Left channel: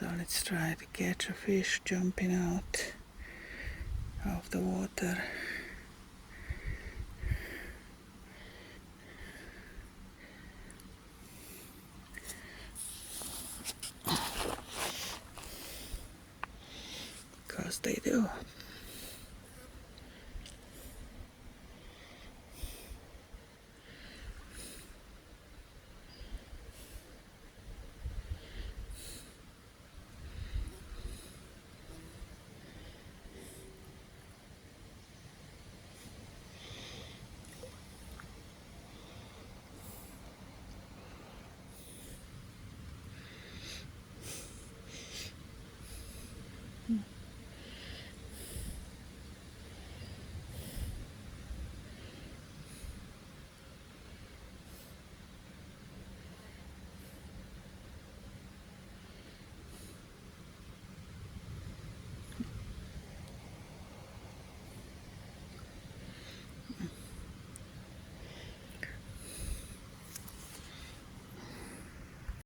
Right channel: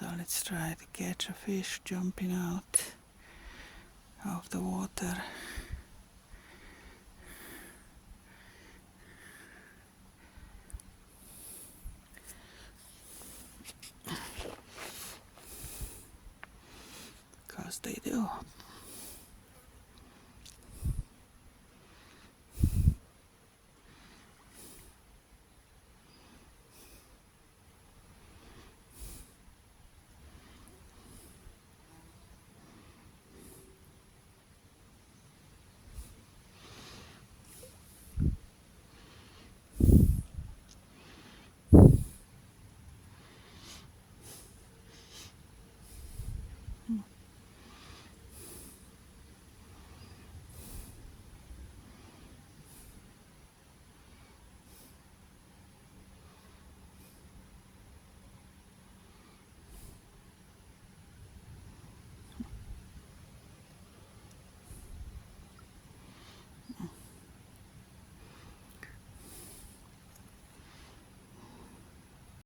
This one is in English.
So let's try to catch a fish jumping out of the water. Because they do.